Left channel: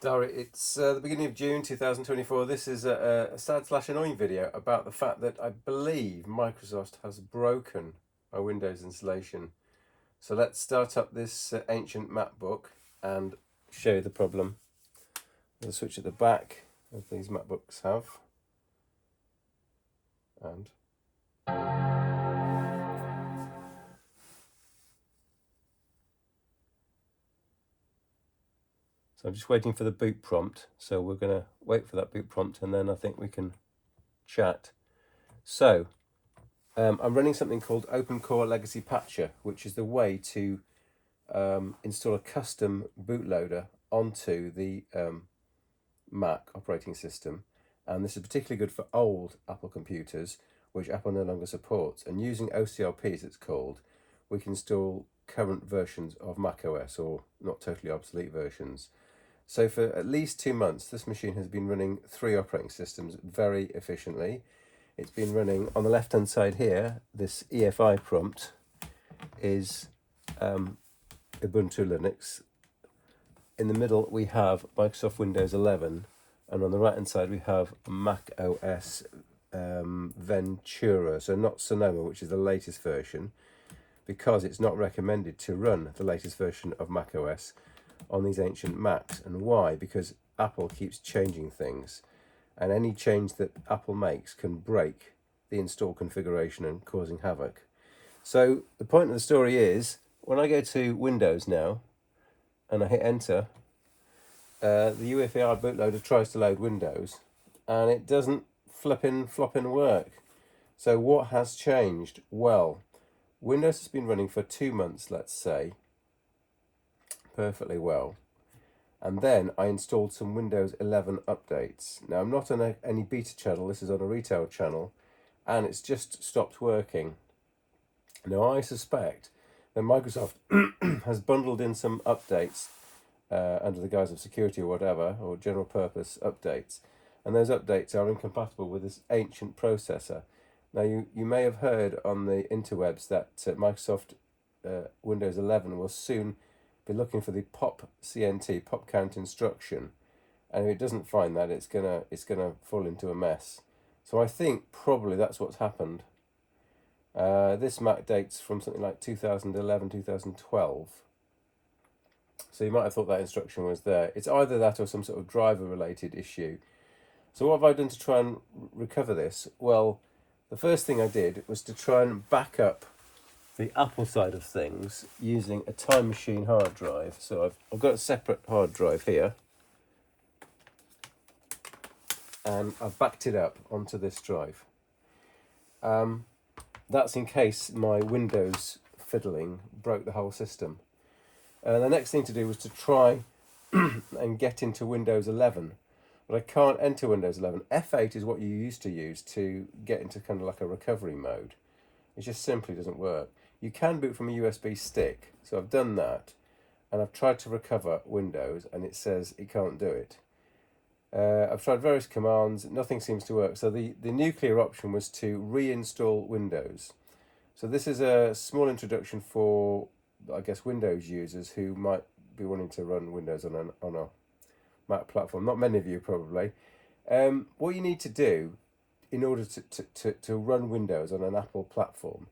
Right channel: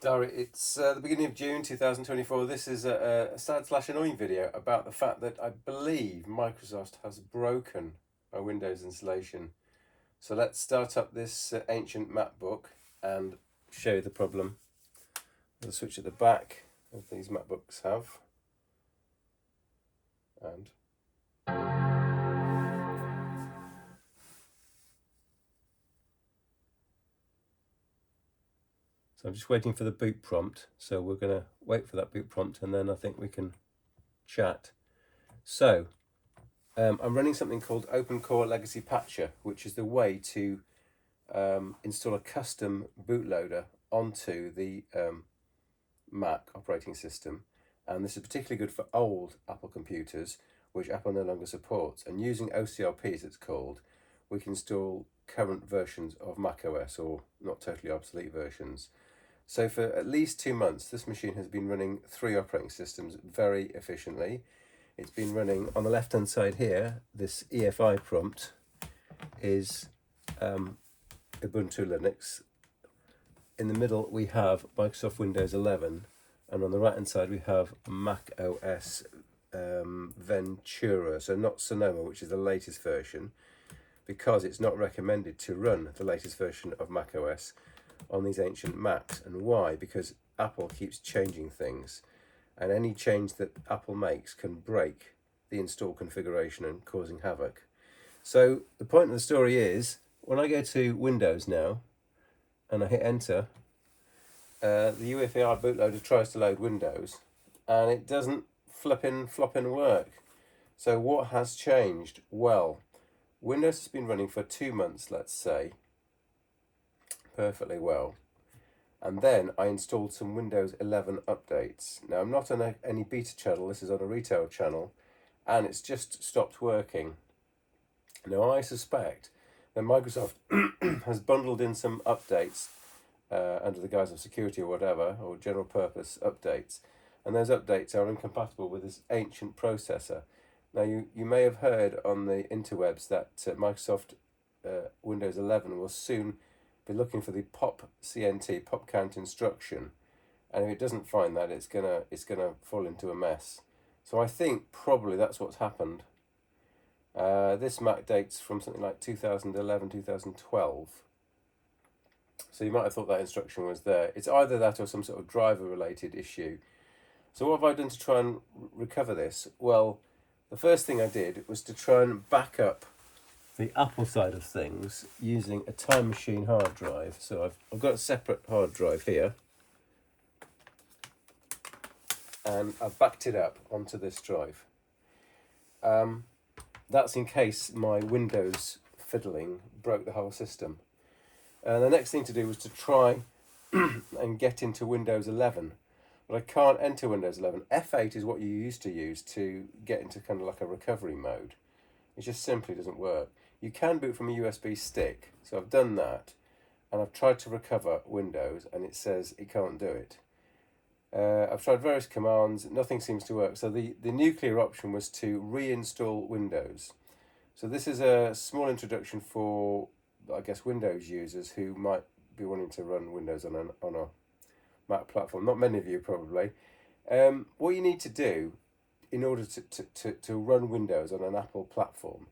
Diary, it's the beginning of June 2024. This is a sad/annoying video about the fact that I believe Microsoft has broken my Windows installation. So let's start up this ancient MacBook and show you the problem. The switch at the back, as these MacBooks have, and so I'm just waiting for the boot prompt. So we're going to wait for that boot prompt and then I think we can chat. So I'm running something called Open Core Legacy Patcher, which is the way to install a custom bootloader onto the Mac operating system. And this is particularly good for old Apple computers, which Apple no longer supports. And using OCLP, as it's called, we can install current versions of macOS, or not totally obsolete versions. So for at least 2 months, this machine has been running 3 operating systems very efficiently. It's been running, on the left hand side here, this EFI prompt is Ubuntu Linux. In the middle we have Microsoft Windows 11, and on the right hand side we have Mac OS Ventura, so not Sonoma, which is the latest version, because it's not recommended to run the latest version of Mac OS on these ancient Macs. And why? Because Apple keeps changing things, and any change that Apple makes can break the install configuration and causing havoc. So the point of the story is, when I go to Windows now and I hit enter, the UEFI bootloader tries to load Windows and it doesn't flopping work. So what has changed? Well, Windows has been running for 2 months, let's say, perfectly well. And then I installed some Windows 11 updates. Now I'm not on any beta channel, this is on a retail channel, and it's just stopped working. Now I suspect that Microsoft has bundled in some updates under the guise of security or whatever, or general purpose updates, and those updates are incompatible with this ancient processor. Now you may have heard on the interwebs that Microsoft Windows 11 will soon be looking for the pop CNT, pop count instruction, and if it doesn't find that, it's gonna fall into a mess. So I think probably that's what's happened. This Mac dates from something like 2011, 2012. So you might have thought that instruction was there. It's either that or some sort of driver related issue. So what have I done to try and recover this? Well, the first thing I did was to try and back up the Apple side of things using a Time Machine hard drive. So I've got a separate hard drive here, and I've backed it up onto this drive. That's in case my Windows fiddling broke the whole system. The next thing to do was to try and get into Windows 11, but I can't enter Windows 11. F8 is what you used to use to get into kind of like a recovery mode. It just simply doesn't work. You can boot from a USB stick, so I've done that, and I've tried to recover Windows, and it says it can't do it. I've tried various commands, nothing seems to work. So the nuclear option was to reinstall Windows. So this is a small introduction for, I guess, Windows users who might be wanting to run Windows on a Mac platform. Not many of you probably. What you need to do in order to run Windows on an Apple platform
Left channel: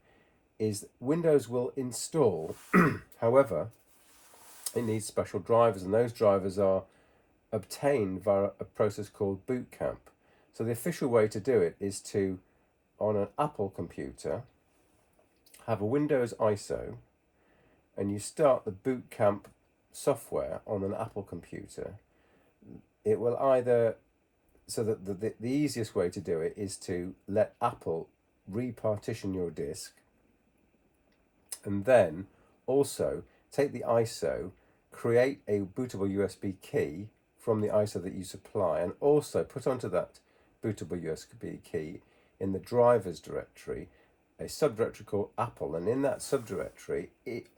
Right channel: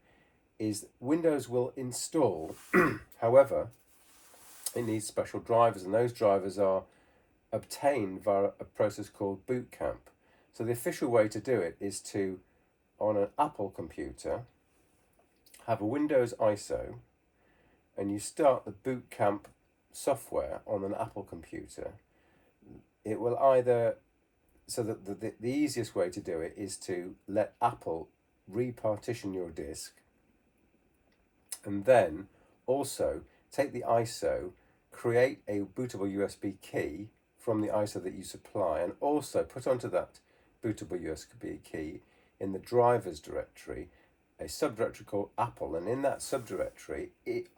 is Windows will install. However, it needs special drivers, and those drivers are obtained via a process called Boot Camp. So the official way to do it is to, on an Apple computer, have a Windows ISO, and you start the Boot Camp software on an Apple computer. It will either, so that the easiest way to do it is to let Apple repartition your disk, and then also take the ISO, create a bootable USB key from the ISO that you supply, and also put onto that bootable USB key in the drivers directory a subdirectory called Apple, and in that subdirectory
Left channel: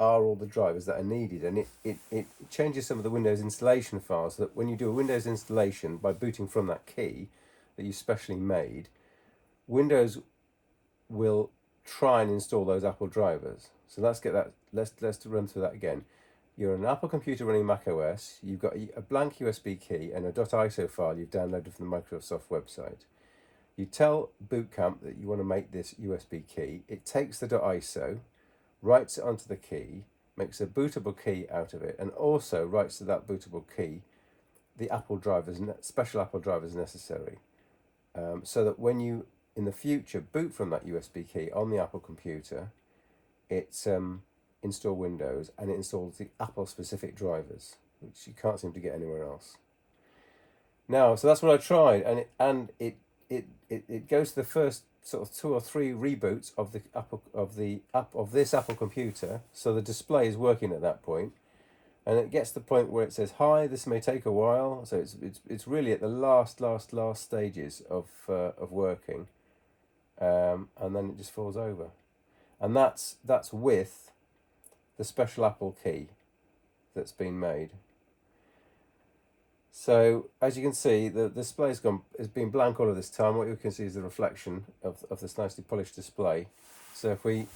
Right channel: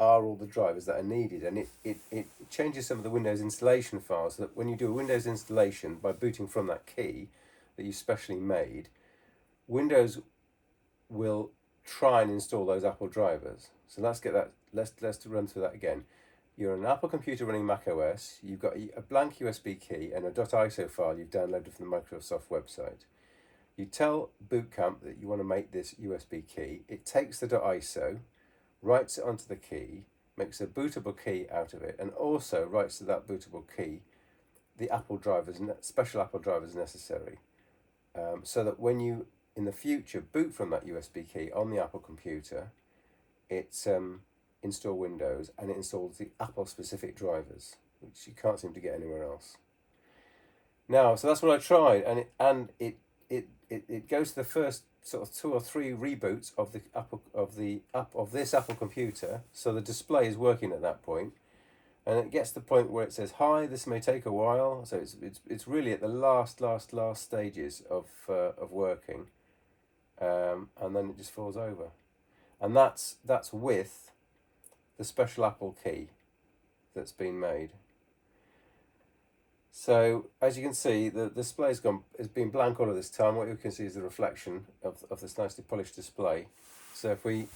are all the drivers that are needed, and it changes some of the Windows installation files so that when you do a Windows installation by booting from that key that you specially made, Windows will try and install those Apple drivers. So let's get that, let's run through that again. you're on an Apple computer running Mac OS, you've got a blank USB key and a .iso file you've downloaded from the Microsoft website. You tell Boot Camp that you want to make this USB key. It takes the .iso, writes it onto the key, makes a bootable key out of it, and also writes to that bootable key the Apple drivers, special Apple drivers necessary, so that when you in the future boot from that USB key on the Apple computer, it's install Windows, and it installs the Apple specific drivers, which you can't seem to get anywhere else. Now, so that's what I tried, and it goes to the first sort of 2 or 3 reboots of this Apple computer, so the display is working at that point, and it gets to the point where it says, "Hi, this may take a while." So it's really at the last stages of working, and then it just falls over, and that's with the special Apple key that's been made. So as you can see, the display has been blank all of this time. What you can see is the reflection of this nicely polished display. So if we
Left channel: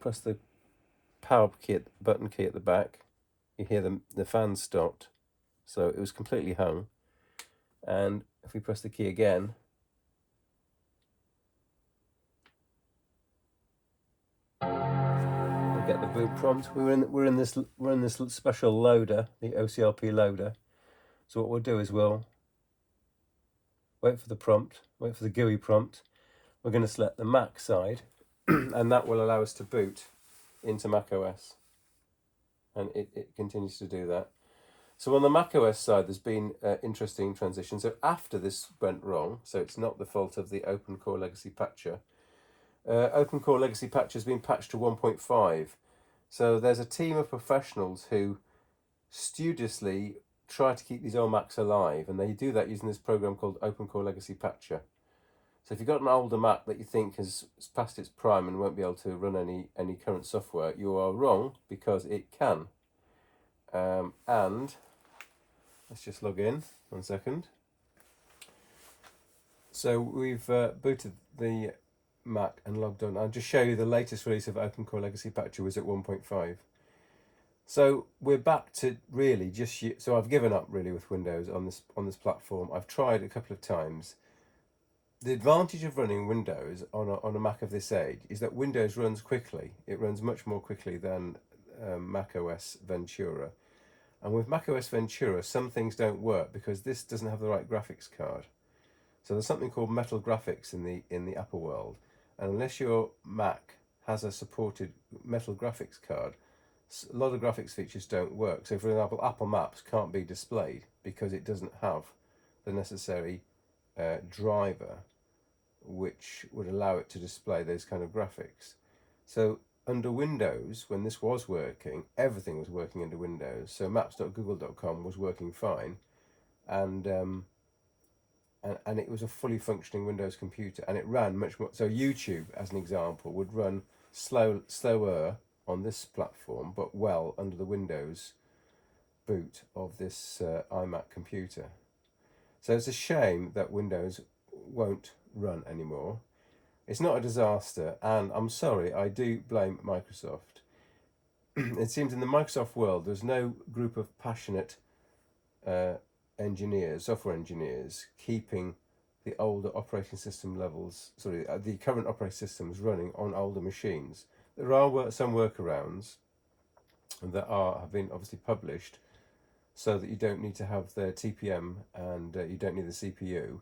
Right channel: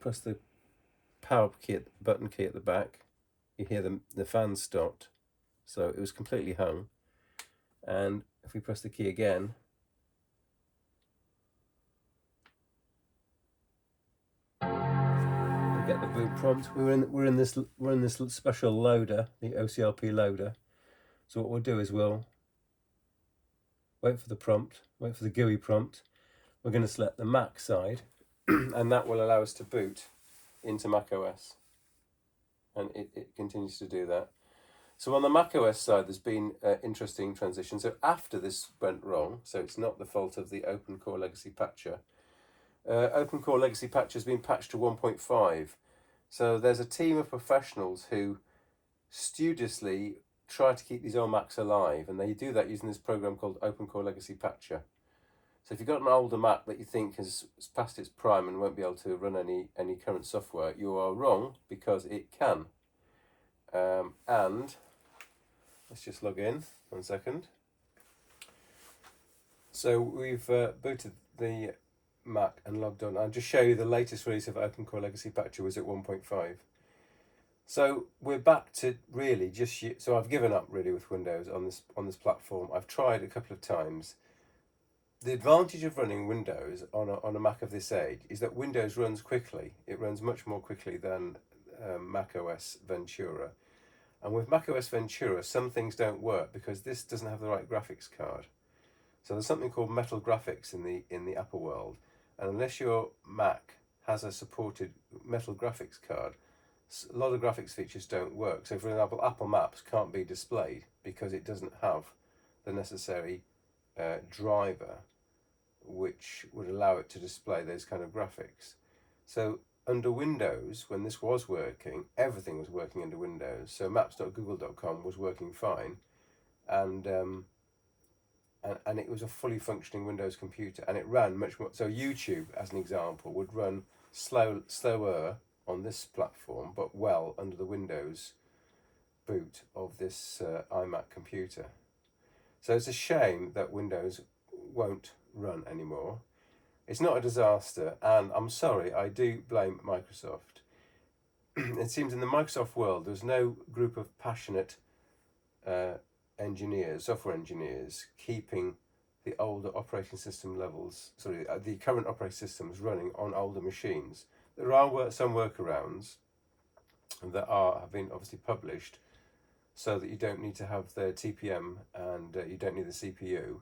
press the power key, button key at the back, you hear the fan stopped. So it was completely hung. And if we press the key again, get the boot prompt. We're in this special loader, the OCLP loader. So what we'll do is we'll wait for the prompt, wait for the GUI prompt. We're going to select the Mac side, and that will allow us to boot into Mac OS, and it continues to do that. So on the Mac OS side, there's been an interesting transition. So after this went wrong, so it's not the fault of the Open Core Legacy Patcher. Open Core Legacy Patcher has been patched to 1.5. So there's a team of professionals who studiously try to keep these old Macs alive, and they do that using this program called Open Core Legacy Patcher. So if you've got an older Mac that you think has passed its prime and won't be able to run any current software, you are wrong, because it can. And let's just log in 1 second. So we've booted the Mac and logged on. I'll just show you the latest release of Open Core Legacy Patcher was at 1.5. So we're back to really so I've given up really with Windows on this platform. I've tried a couple of times. The advantage of running Windows on a Mac of this age is that Windows runs quickly. It runs much more quickly than Mac OS Ventura. And with Mac OS Ventura, some things don't work because this doesn't have the right graphics card. So there's something called metal graphics in the Apple world, and unless your Mac has a supported metal graphics card, a lot of graphics features don't work. So for example, Apple Maps can't be displayed because it doesn't have the necessary driver which would allow it to display those kind of graphics. So under Windows, when this was working, everything was working under Windows. So maps.google.com was working fine, and it was a fully functioning Windows computer, and it ran much more. So YouTube, as an example, would run slower on this platform, but well under the Windows boot of this iMac computer. So it's a shame that Windows won't run anymore. It's not a disaster, and I'm sorry, I do blame Microsoft. It seems in the Microsoft world there's no group of passionate software engineers, keeping the older operating system levels, the current operating systems running on older machines. There are some workarounds that have been obviously published, so that you don't need to have the TPM and you don't need the CPU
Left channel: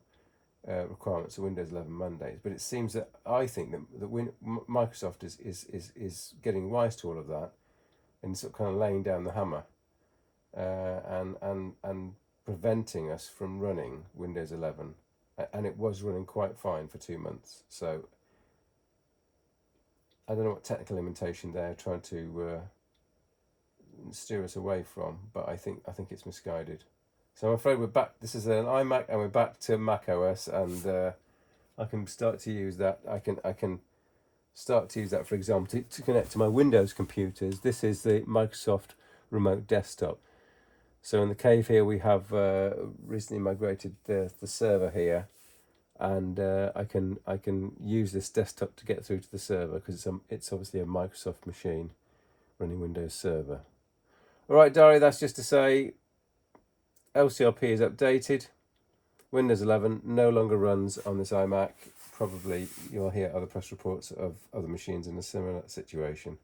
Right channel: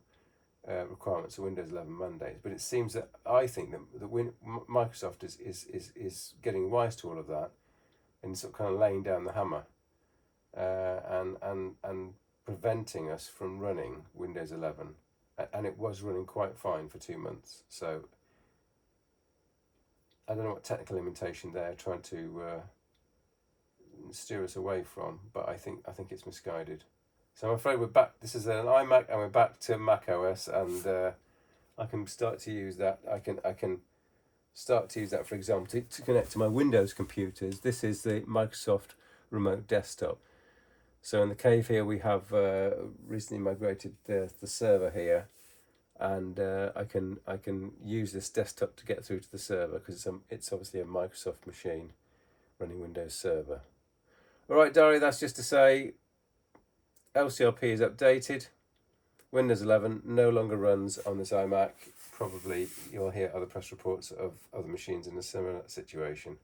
requirements of Windows 11 mandates. But it seems that I think that Microsoft is getting wise to all of that and sort of kind of laying down the hammer and preventing us from running Windows 11, and it was running quite fine for 2 months. So I don't know what technical limitation they're trying to steer us away from, but I think it's misguided. So I'm afraid we're back. This is an iMac, and we're back to Mac OS, and I can start to use that. I can start to use that, for example, to connect to my Windows computers. This is the Microsoft Remote Desktop. So in the cave here, we have recently migrated the server here, and I can use this desktop to get through to the server because it's obviously a Microsoft machine running Windows Server. Alright, Dari, that's just to say LCRP is updated. Windows 11 no longer runs on this iMac. Probably you'll hear other press reports of other machines in a similar situation.